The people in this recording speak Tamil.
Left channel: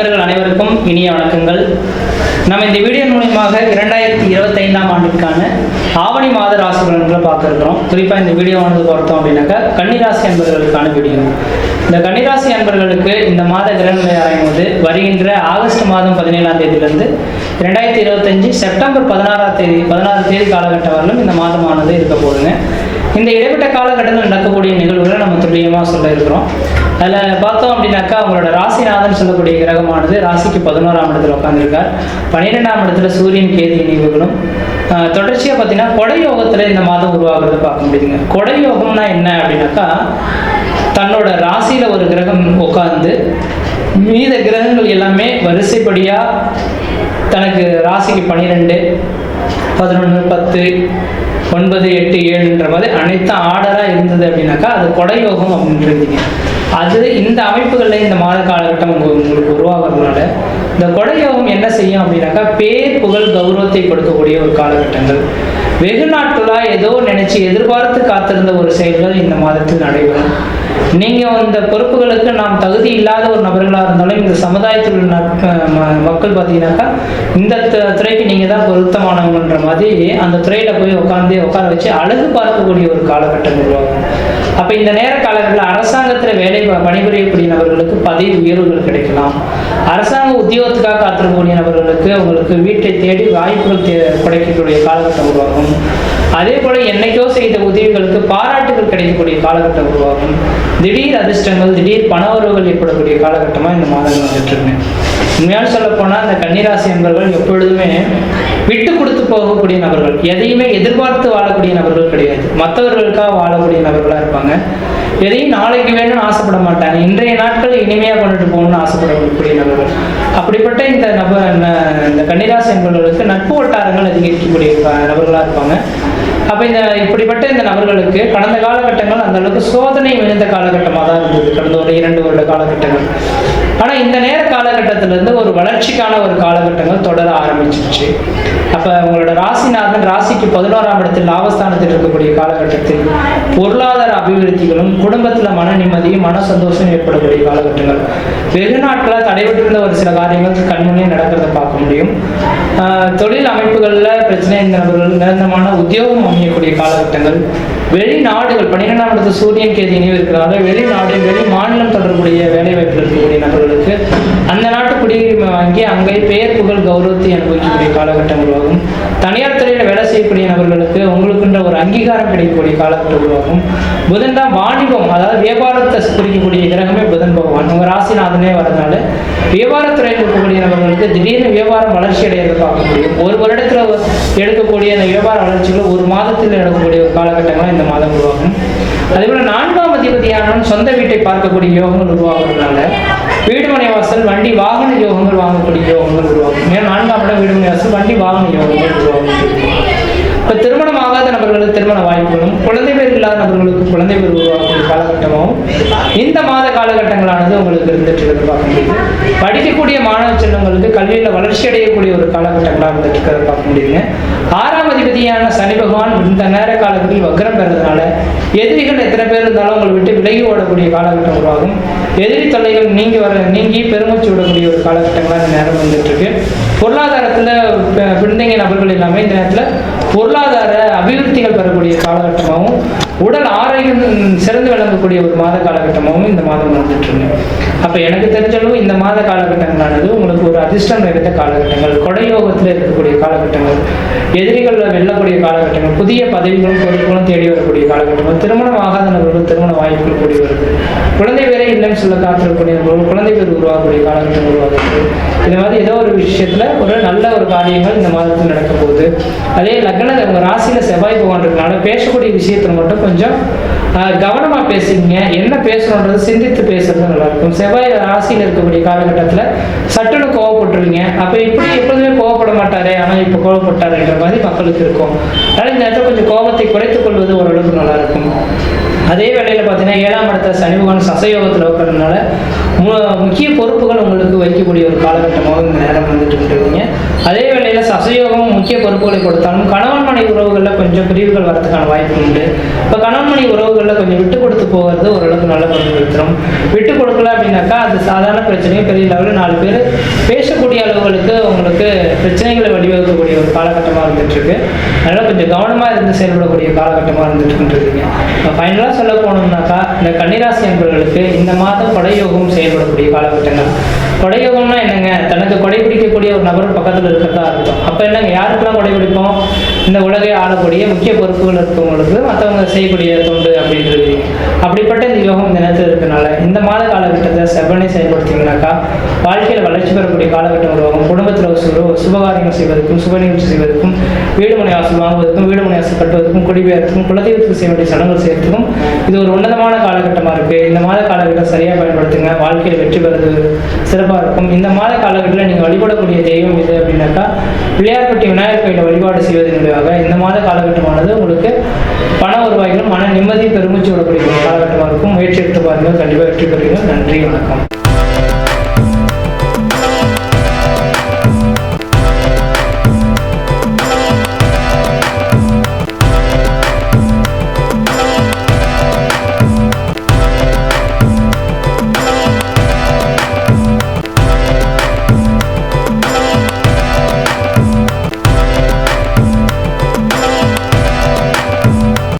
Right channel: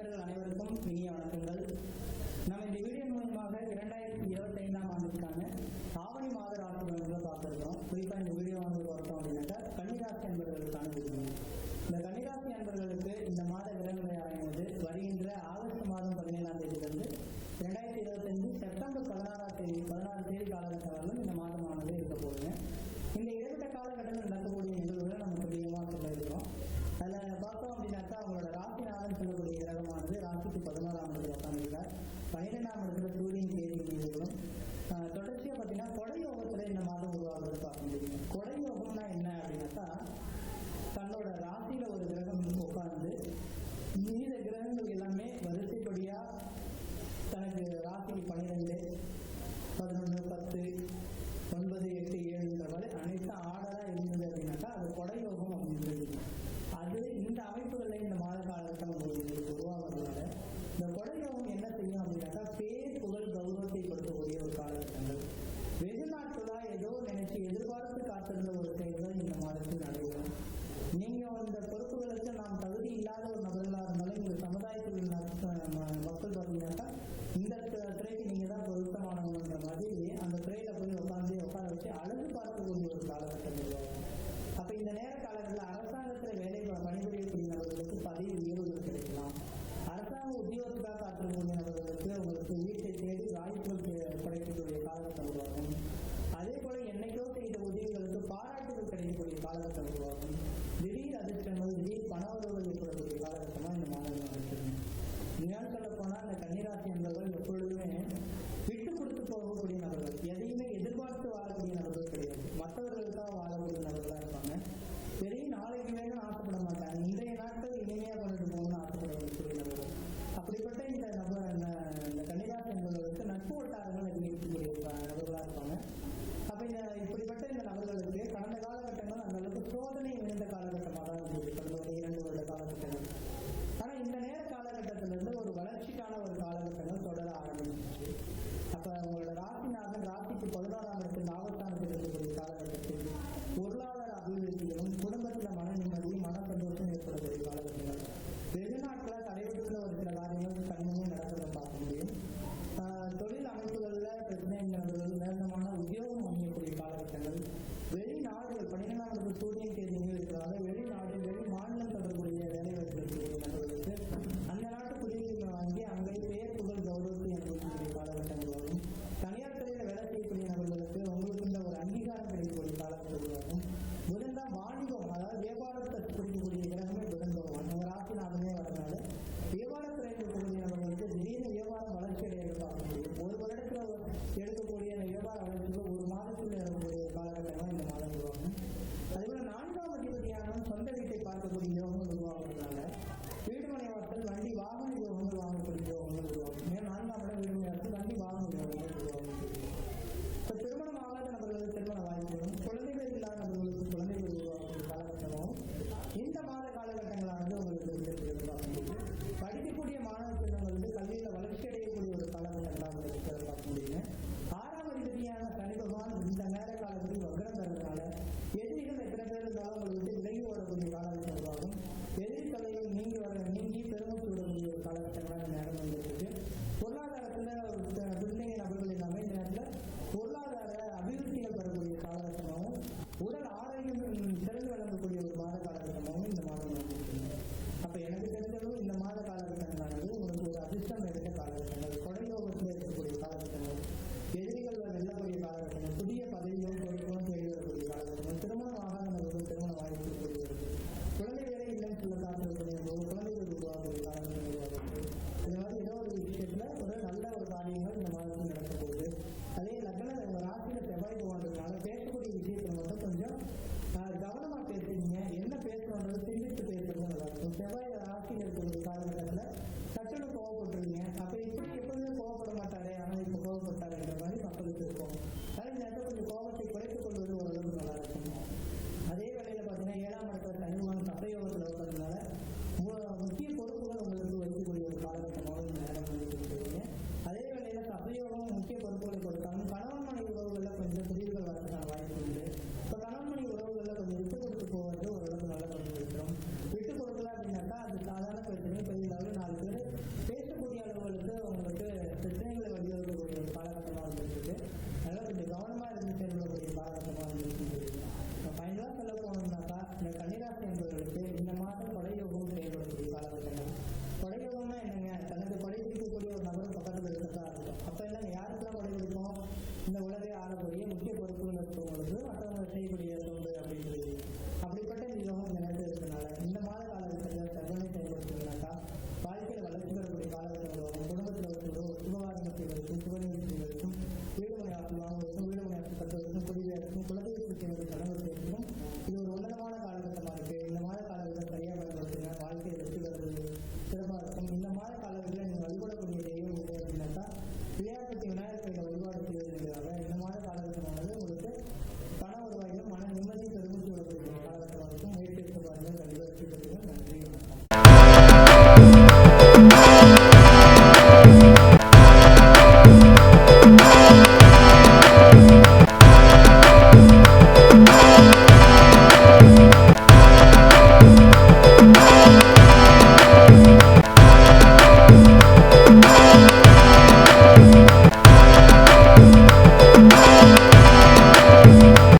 நண்பர்கள் அனைவருக்கும் இனிய வணக்கங்கள். நம்ம இந்த வீடியோ மூலியமாக இரண்டாயிரத்தி இருபத்தைந்தாம் ஆண்டிற்கான ஆவணி மாத ராசி பலன்களை பார்த்துருக்கிறோம். குறிப்பாக இந்த வீடியோவானது பார்த்தோம் அப்படின்னாக்கா கன்னிராசி அன்பர்களுக்கான வீடியோ. இந்த கன்னிராசி அன்பர்களுக்கு இந்த மாத கிரகநிலை ஆராயும் போது வருகின்ற ஆகஸ்ட் மாதம் பதினேழாம் தேதியிலிருந்து ரெண்டாயிரத்தி இருபத்தஞ்சு செப்டம்பர் பதினாறாம் தேதி பதினாறு தேதி காலகட்டம் வரலும் இந்த மாதமானது இருக்க போகுதுங்க. இந்த இடைப்பட்ட காலகட்டத்தில் நடக்கக்கூடிய நிகழ்வுகளை நம்ம துல்லியமாக சொல்ல இருக்கிறோம். அதில் பார்த்தோம் அப்படின்னாக்கா அவங்களோட ராசிநாதன் சொல்லக்கூடிய கிரகமானது ராசிக்கு பதினோராம் இடத்துல உட்காந்துருக்கார் பன்னிரெண்டாம் இடத்துல சூரியன் கேது இணைவுகளும் தொடர்ச்சியாக பார்த்தீங்கன்னா கொடை யோகத்தில் இந்த மாதம் உருவாகிறத பார்க்க முடியுதுங்க. கொடை யோகம்னா என்ன அப்படின்னாக்கா தன்னோட ராசியில் ஒரு கிரகம் உட்காந்து மீத கிரகங்கள் எல்லாமே வரிசைப்படியாக தனக்கு ராசிக்கு பன்னிரெண்டு பதினொன்று பத்து ஒன்பது எட்டு ஏழுன்ற மாதிரி அனைத்தும் ஆர்டராக இருந்தது அப்படின்னாக்கா அது கொடையோகம் அப்படின்றீங்க அது இந்த அமைப்புகளில் இந்த மாத காலகட்டம் உங்களுக்கு உருவாகிறதுனால இந்த கொடையோகம் என்ன செய்யும் அப்படின்னாக்கா பேர் புகழ் கௌரவத்தை கொடுக்கக்கூடிய ஒரு காலகட்டங்கள். வெகு நாட்களாக ஏதோ நினைச்சு எதிர்பார்த்து காத்திருந்த ஒரு செயல்கள் இந்த மாதத்தில் நடைபெறும். நீங்க இந்த பொறுப்புகளுக்கு நாம் தகுதி இல்லாத ஒரு நபர்களாக இருந்தாலும் இந்த சமுதாயத்தில் உள்ள மக்கள் பார்த்தீங்கன்னாக்கா இந்த துறைக்கு நீங்கள் தான் பொருத்தமானவங்கன்ற மாதிரி அந்த துறையில போய் உட்காந்து உட்கார வச்சு அழகு பார்க்கக்கூடிய ஒரு காலகட்டம் உருவாகும். அப்ப இந்த நேர காலகட்டத்தில் அரசாங்கத்துல வேலை பணிபுரியக்கூடிய நபர்களுக்கு பதவி உயர்வுகள் கிடைக்கலாம். அரசாங்க உத்தியோகத்துக்காக காத்திருக்கக்கூடிய நபர்களுக்கு உங்களுக்கு வீட்டை தேடி வாய்ப்புகள் கிடைக்கக்கூடிய காலகட்டம் உருவாகும். அதே போல என்னைக்கோ செய்த உதவிகளுக்கு பாராட்டுகள் கிடைக்கக்கூடிய காலகட்டம் உருவாகும். திடீர் அதிர்ஷ்டங்கள் திடீர் பணவரவுகள் ஏற்படக்கூடிய காலகட்டமாக இந்த மாதங்கள் வந்துட்டு இருக்கேன் உண்மையான சொல்ல போனா கன்னிராசி என்பவர்கள் எப்பொழுதுமே விட்டு கொடுத்து போகக்கூடிய நபர்கள் எதையுமே எதிர்பார்த்து வாழக்கூடிய நபர்கள் கிடையாது. மற்றவர்களுக்காக வாழக்கூடிய நபர்களாக இருப்பாங்க. எதையும் நாளைக்கு வேணும்னு ஆசைப்பட மாட்டாங்க. இன்றைய நாட்கள் இனிமையாக கொண்டுட்டு போகணும்னு ஆசைப்படக்கூடிய நபர்கள். அப்படிப்பட்ட இந்த நபர் இந்த கன்னிராசி என்பவர்களுக்கு நட்பு வட்டாரங்கள் அதிகரிக்கக்கூடிய க- இருப்பாங்க. அப்போ இந்த இப்படிப்பட்ட இந்த நபர்களுக்கு கடந்த காலகட்டங்கள் அந்த அளவுக்கு சோதனை விழுந்த காலகட்டமாக தான் இருந்தது. கடந்த ஒரு இரண்டு வருட காலகட்டங்கள். ஆனா இந்த நேர காலகட்டத்துல இருந்து ஒரு வளர்ச்சிக்கான ஒரு காலகட்டங்கள் தொடர ஆரம்பிச்சிருச்சு. அப்ப உங்களோட ராசிநாதன் ராசிக்கு பதினோராம் இடத்தில் லாபஸ்தானத்தில் இருக்கக்கூடிய காலகட்டத்தில் பொருளாதார அபிவிருத்திகளும் குடும்பத்துல மன நிம்மதியும் மன சந்தோஷம் ஏற்படக்கூடிய காலகட்டங்கள். வெகு நாட்களாக தடைபட்டிருந்த ஒரு சில காரியங்கள் கண்முன்னே நடக்கிறத பார்க்க முடியும். தொழில் அமைப்புகளில் பிரச்சனை நபர்கள் நிரந்தரமான உத்தியோகம் அமையக்கூடிய காலகட்டங்கள். வெளிநாடுகள் பன்னிரெண்டாம் இடத்து சூரியன் கேதி இணைவு இருக்கிறதால வெளிநாடு வெளி மாநிலம் தொடர்புடைய வேலை வாய்ப்பில் இருக்கக்கூடிய நபர்களுக்கு அந்த நாட்டு அங்கே அங்கே பெயர் புகழ் கௌரவத்தை அனுபவிக்கக்கூடிய காலகட்டம் உருவாகும். தனியார் துறையில் வேலை செய்யக்கூடிய நபர்களுக்கு உங்களுக்குன்ற ஒரு அங்கீகாரம் கிடைக்கக்கூடிய காலகட்டம் உருவாகும். புதன் தான் வாணிபம் அதாவது வியாபாரத்தை குறிக்கக்கூடிய கிரகமே புதன் பகவான். உங்கள் ராசிநாதனே வரதுனால வியாபாரத்துறையில் இருக்கக்கூடிய நபர்களுக்கு திடீர்னு வியாபாரம் வளர்ச்சி அடையிறது பார்க்க முடியும். ஒரு வருடத்தில் எடுக்கக்கூடிய அந்த வியாபார வளர்ச்சிகள் ஒரு மாதத்தில் நடக்கக்கூடிய ஒரு காலகட்டங்களாக இந்த மாதம் உருவாகும். அதே போல நான்காம் அதிபதியானவன் சொந்த வீட்டை பார்க்கக்கூடிய யோகங்கள் உருவாகிறதுனால வீடுமனை வாசல் வண்டி வாகன யோகங்கள் வாங்கக்கூடிய யோகங்கள் உருவாகும் ஏன்னா நான்காம் இடம் வீடுமனை வாசல் வண்டி வாகன யோகங்கள் உருவாகும் இப்போ திருமணம் ஆகாத நபர்களுக்கு திருமண வாய்ப்புகளும் குழந்தை பேர் இல்லாத நபர்களுக்கு குழந்தை பேர் உருவாக்கக்கூடிய காலகட்டமாகவும் இந்த மாத காலகட்டங்களானது உங்களுக்கு இருந்துட்டு பார்க்க முடியுது. படிக்கக்கூடிய மாணவ செல்வங்களுக்கு கல்வியில் வளர்ச்சி அடையக்கூடிய ஒரு காலகட்டங்களாக இருந்துட்டு இருக்கிறத பார்க்க முடியுங்க ஆறாம் அதிபதியான சனி பகவான் இந்த நேர காலத்தில் வக்ரம் பெறதுனால எதிரிகள் எத்தனை பேர் இருந்தாலும் உங்களை விட்டு விலகி ஓடக்கூடிய காலகட்டம் உருவாகும். எதிரி தொல்லைகள் நீங்கி வர நீங்கி பெருமூச்சு விடக்கூடிய ஒரு காலகட்டங்களாக இந்த நேரம் வந்துட்டு இருக்கு. பொருளாதாரத்தில் ப- பின்தங்கிய நபர்கள் எல்லாமே இந்த நேரத்தில் பொருளாதார அபிவிருத்திகள் பெறக்கூடிய காலகட்டமாகவும் உடல் ஆரோக்கியம் சிறந்து விளங்கக்கூடிய ஒரு மாத காலகட்டமாகவும் இந்த மாதம் வந்துட்டு இருக்கு அப்போ எனக்கு தெரிஞ்சளவு இந்த மாத காலகட்டங்களானது உங்களுக்கு ஒரு அதிர்ஷ்டம் நிறைந்த காலகட்டங்கள் கொடையோகத்தில் இருக்கக்கூடிய காலகட்டங்கள் எதிரிகளில் வெல்லக்கூடிய காலகட்டங்கள் புதிய பதவிகளும் பொறுப்புகளும் தேடி வரக்கூடிய காலகட்டங்கள் திருமணம் ஆகாத நபர்கள் திருமண வாய்ப்புகள் கூடி வருது குழந்தை வேற இல்லைன்னு சொல்ல காத்திருக்கக்கூடிய நபர்கள் குழந்தை பேர் உருவாகக்கூடிய காலகட்டம் உருவாகுது இந்த மாதிரி ஏதோ ஒரு விஷயத்துல ஒரு நல்ல ஒரு காரியங்கள் இந்த மாதத்தில் நடக்க போகுது அதே லக்ன உங்க ராசியில செவ்வாய் பகவான் இருக்கனால பேசக்கூடிய விஷயத்துல மட்டும் கொஞ்சம் ஆஹ், கவனமா பேசுங்க. என்ன பேசணுன்றது சிந்தித்து பேசுறது நல்லா இருக்கும். செவ்வாய் ராசியில் இருக்கக்கூடிய காலகட்டத்துல சட்டுன்னு கோவப்பட்டுருவீங்க. அப்ப இப்படி எப்பொழுதுமே கோவப்பட மாட்டாரே ஆனா இப்ப கோவப்பட்டாருன்ற மாதிரி மக்களுக்கு இருக்கும். அதனால இந்த நேரத்தில் கொஞ்சம் கோபத்தை குறைத்துக் கொள்வது ஒரு அதே வேளையில் பார்த்தீங்கன்னா ஏழாம் இடத்துல சனி பகவான் சசயோகத்தில் இருக்கிறதுனால மு- முக்கிய பொறுப்புகள் உங்களுக்கு வைக்கக்கூடிய ஒரு காலகட்டமாக இந்த நேரம் வந்துட்டு இருக்கிறீங்க அதே வேளையில் சசயோகம் முக்கிய பொறுப்புகளை கொடுத்தாலும் கணவன் மனை உறவுகளில் கொஞ்சம் பிரிவுகள் வரதுக்கான வாய்ப்பு உண்டு. இப்போ கணவன் மனை உறவுகளில் கொஞ்சம் விட்டு கொடுத்து போகிறது ஓரளவுக்கு நல்ல பங்கு கொடுத்துரும். விட்டு கொடுக்கல அப்படின்னாக்கா அது சாதாரண பிரச்சனையும் பெரிய லெவலில் நாலு பேர் பேசக்கூடிய அளவுகளுக்கு உங்களுக்கு பிரச்சனைகளை வழிவகுக்கக்கூடிய ஒரு காலகட்டமாக இருந்துகிட்ருக்கு. அதனால் கொஞ்சம் கவனமாக இருந்து செயல்படக்கூடிய காலகட்டமாக இருந்துட்டு இப்போ ஃபைனலாக சொல்ல போனோம்னாக்கா இந்த கன்னிராசி என்பவர்களுக்கு இந்த மாதம் கொடையோகம் செயல்படக்கூடிய காலகட்டங்கள். கொடையோகம்னா என்னங்க? தனக்கு கொடை பிடிக்கக்கூடிய ஒரு நபர் பக்கத்தில் இருக்கிறதா இருக்கும். அப்போ என்னங்க? யாருக்கெல்லாம் கொடை பிடிப்போம் இந்த உலகை ஆளக்கூடிய முக்கிய பொறுப்புகள் இருக்கவங்களுக்கு மற்றவங்க செய்யக்கூடிய தொண்டு அப்படின்றது. அப்படிப்பட்ட இந்த யோகம் இந்த மாத காலகட்டத்தை செவ்வனை செயல்படுத்திங்கனாக்கா வாழ்க்கையில் வளர்ச்சி பெறக்கூடிய காலகட்டம் உருவாகும் குடும்பத்தில் ஒரு சுப சுபகாரியங்கள் செய்வதற்கும் சுப நிகழ்ச்சி செய்வதற்கும் வீடு மனை வாசல் வாங்குவதற்கும் வீடு மனை வாசல் கட்டுவதற்கும் குடிபெயர்த்துக்கும் குலதெய்வத்துக்கு செய்ய வேண்டிய சடங்குகள் செய்யறதுக்கும் இது ஒரு உன்னதமான காலகட்டமாக இருக்குது இந்த மாத காலகட்டம் சரியாக பயன்படுத்துங்க. வாழ்க்கையில் வெற்றி பெறது சிறப்பாக இருக்கும். இந்த மாத காலகட்டத்தில் நீங்கள் வழிபடக்கூடிய தெய்வம் இது அப்படின்னாக்கா பிள்ளையார்பட்டி விநாயகர் கோயிலை வழிபாடு செய்வதன் மூலியமாக இந்த மாத காலகட்டமானது உங்களுக்கு பண வருவாய்களும் மன நிம்மதி பெருமூச்சு விடக்கூடிய காலகட்டமாக இருக்கும். முயற்சி எடுத்து பாருங்கள் கண்டிப்பாக வெற்றி பெறுவீங்க நன்றி வணக்கம்.